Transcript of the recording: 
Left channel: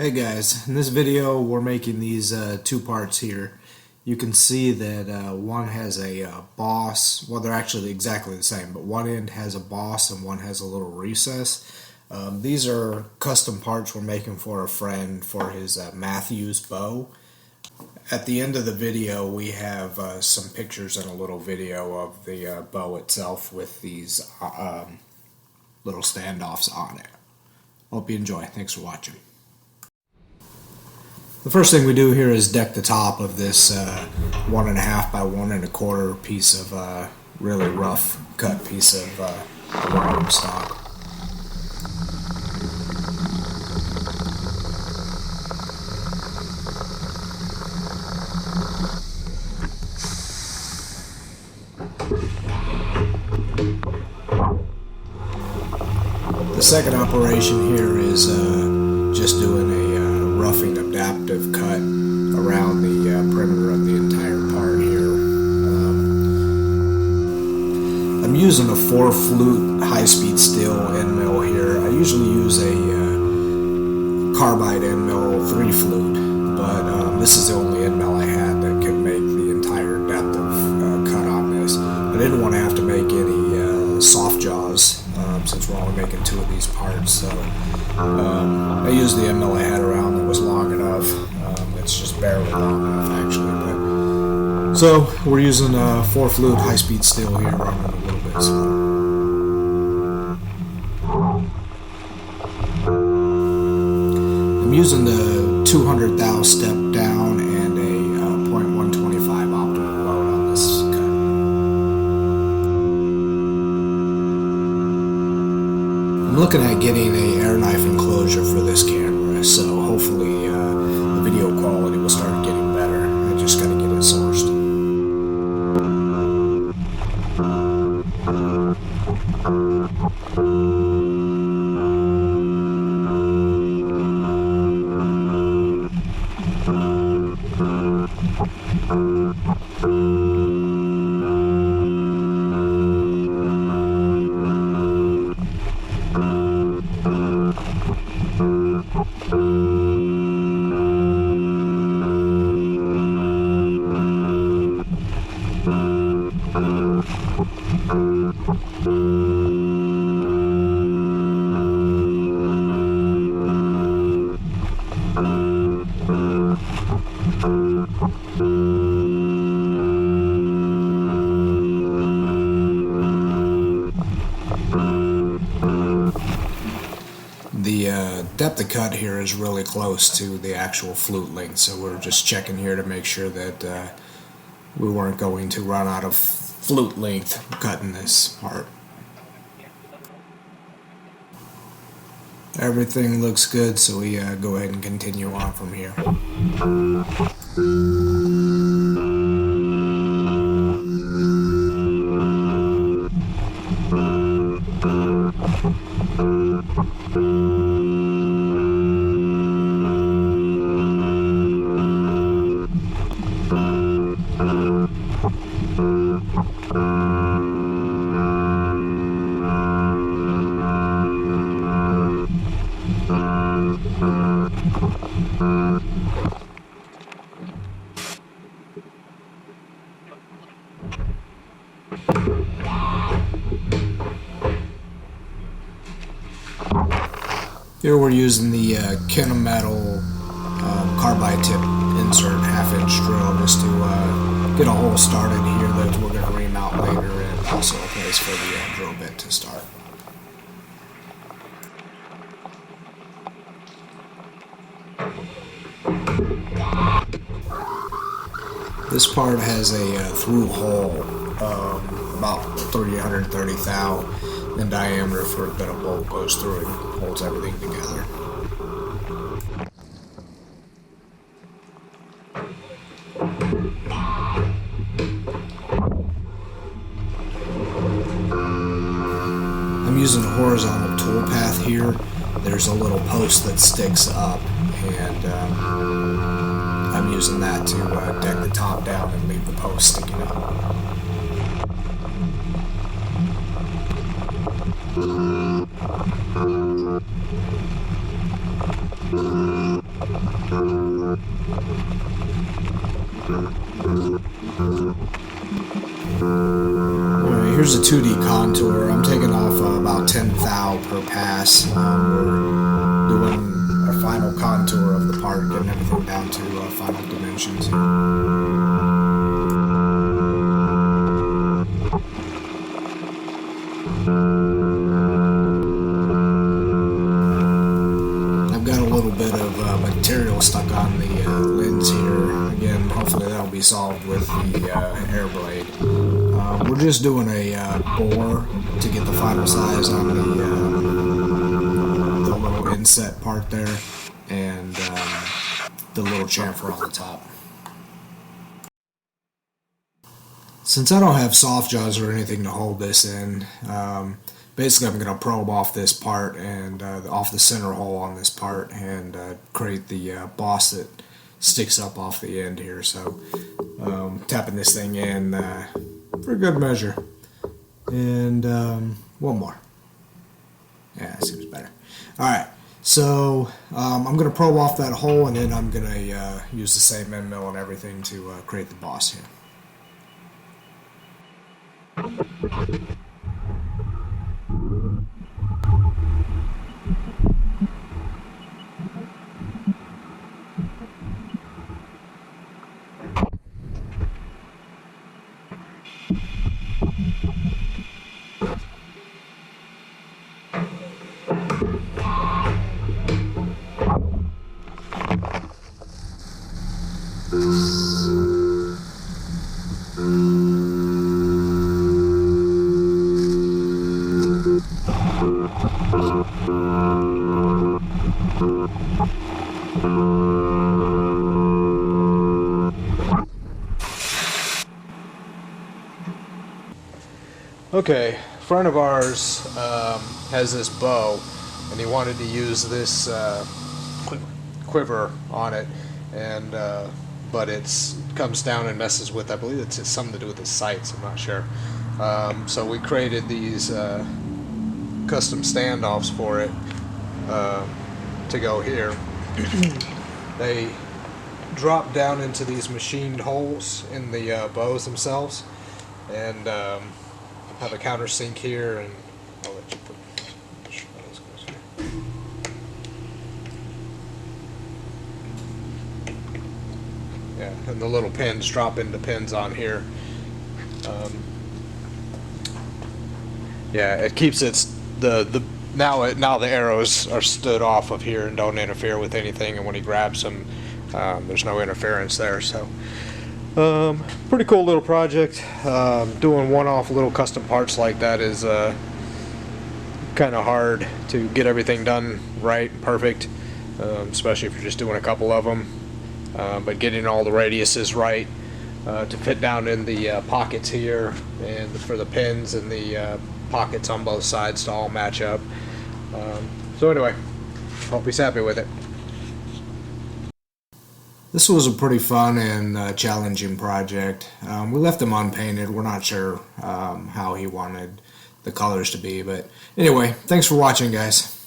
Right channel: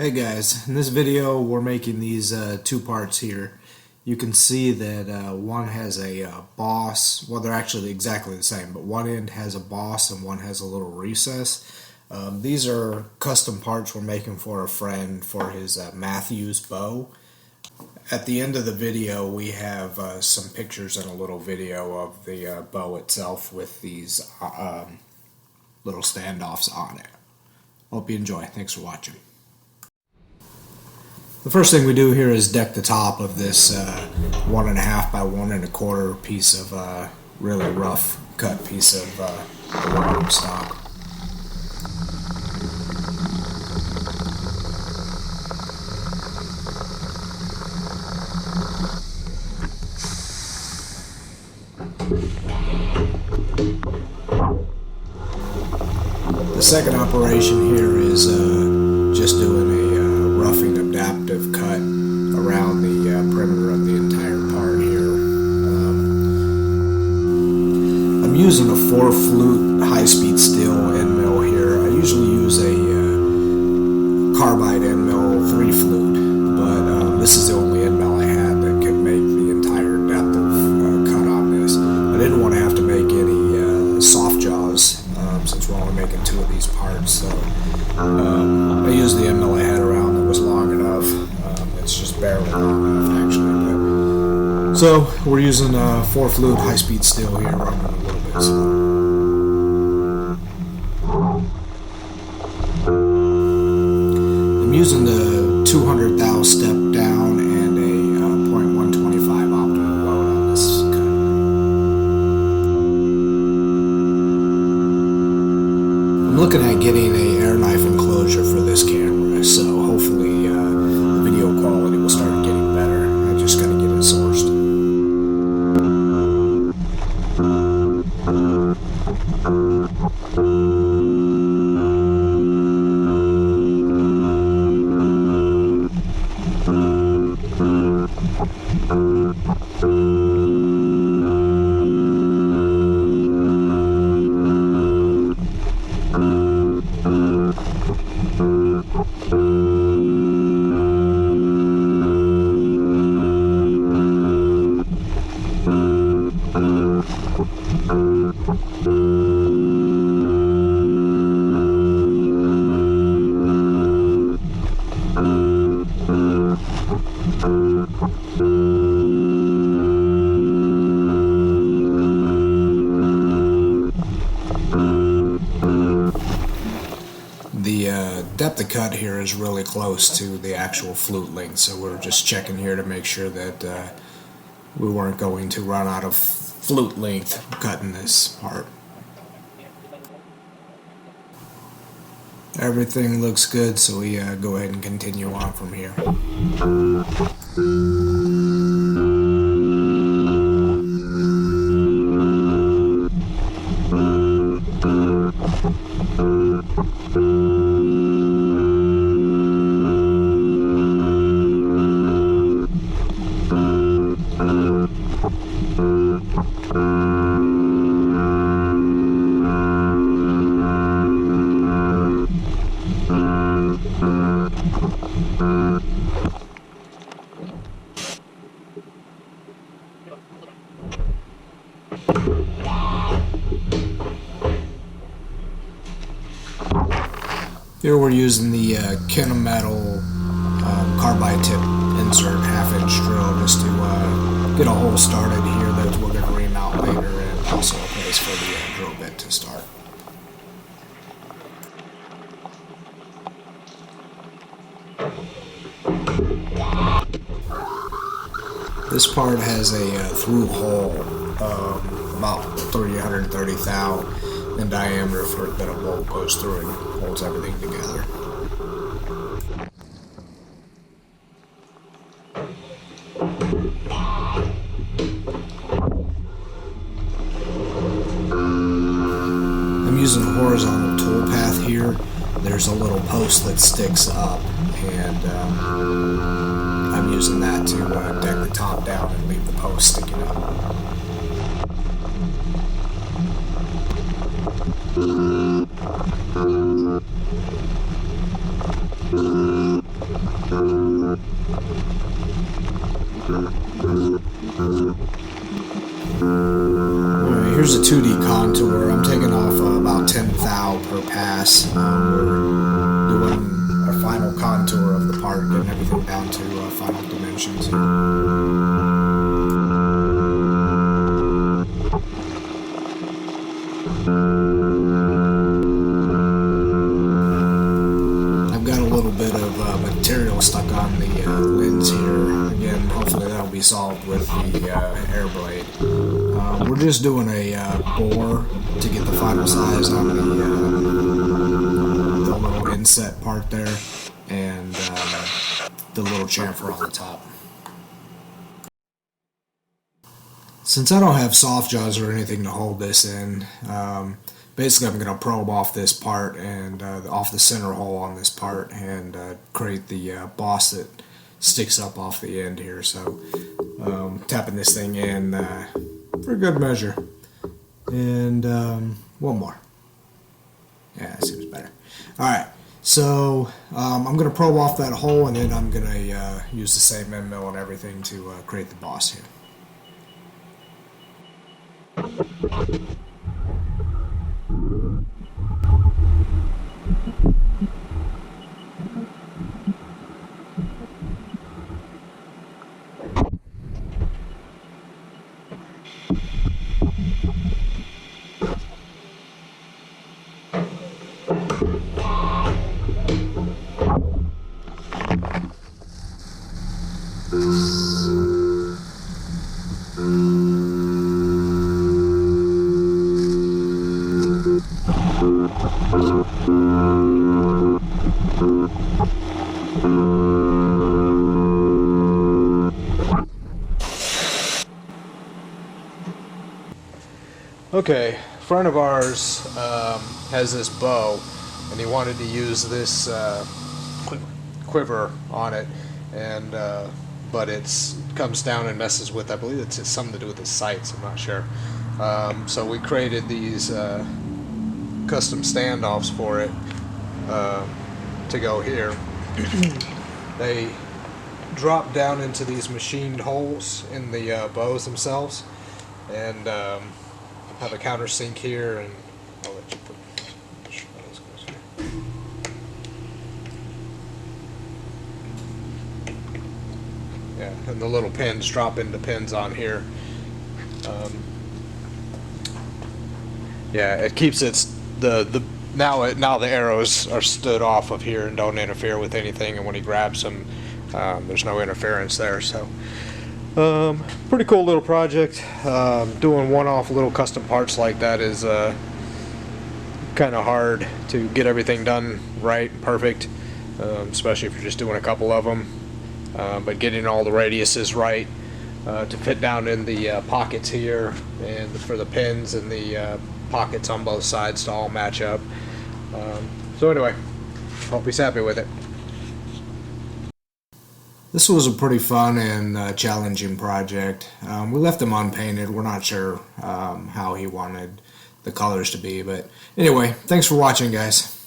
Hey guys, in this video we're making these two parts here. You can see that one has a boss. Well, they're actually exactly the same, but one end has a boss and one has a little recess. These are custom parts we're making for a friend for his Mathews bow. At the end of the video we have some pictures and a little video of the bow itself with these little standoffs on it. Hope you enjoy. Thanks for watching. The first thing we do here is deck the top of this 1.5 by 1 1/4 piece of really rough cut piece of aluminum stock. The second operation here is just doing a roughing adaptive cut around the perimeter of the entire part here. I'm using a 4-flute high-speed steel end mill here. I usually use a carbide end mill 3-flute, but this is the only end mill I had that could make the entire depth of cut on this. I didn't want to have to make any soft jaws since we're only making 2 of these parts, so I used the end mill I had around that was long enough. It's just barely long enough actually, but so we're using 4-flute high-speed steel here, running a little bit slow. I'm using the 200 thou step down and a 0.125 optimal load on this cut. I'm looking at getting a air knife enclosure for this camera, so hopefully the video quality will start getting better. I just got to get it sourced. The depth of cut here is really close to the actual flute length, so we're just checking here to make sure that we weren't going to run out of flute length cutting this part. Everything looks good, so we go ahead and continue on from here. Here we're using the Metal carbide tip insert 1/2-inch drill just to get a hole started here that we're going to remount later, and also a place for the drill bit to start. This part has a through hole about 330 thou in diameter for that a bolt goes through and holds everything together. I'm using a horizontal tool path here. There's a little post that sticks up, and I'm using that to deck the top down and leave the post sticking up. Alright, here's a 2D contour. I'm taking off about 10 thou per pass. We're doing our final contour of the part, getting everything down to final dimensions here. I've got a little bit of material stuck on the lens here. Again, hopefully that'll be solved with the air blade. We're just doing a bore to get the final size on the little inset part there, and the little chamfer on the top. Since I don't have soft jaws or anything to hold this in, basically I'm going to probe off this part and off the center hole on this part and create the boss that sticks up off the end here. So tapping this thing in for good measure. And one more. Yeah, that seems better. Alright, so I'm going to probe off that hole, and then I'm going to use the same end mill and everything to create the boss here. Okay, a friend of ours has this bow, and he wanted to use this quiver on it, and but it comes down and messes with, I believe it's something to do with the sights, I'm not sure. So we created these custom standoffs for it to go here. They drop down into these machined holes in the bows themselves, and have a countersink here, and I'll let you put how this goes here. Yeah, and the little pins drop into pins on here. Yeah, it keeps now the arrows are stood off of here and don't interfere with anything, and when he grabs them, there's no interference there. So pretty cool little project. Doing one-off little custom parts like that is kind of hard to get everything done right, perfect, especially if you're just doing a couple of them. But getting all the radiuses right to fit down in the pockets here, and for the pins and the pockets on both sides to all match up. So anyway, hope he's happy with it. This was a pretty fun and challenging project. We left them unpainted. We're not sure how he wanted the colors to be, but anyway, thanks for watching, guys.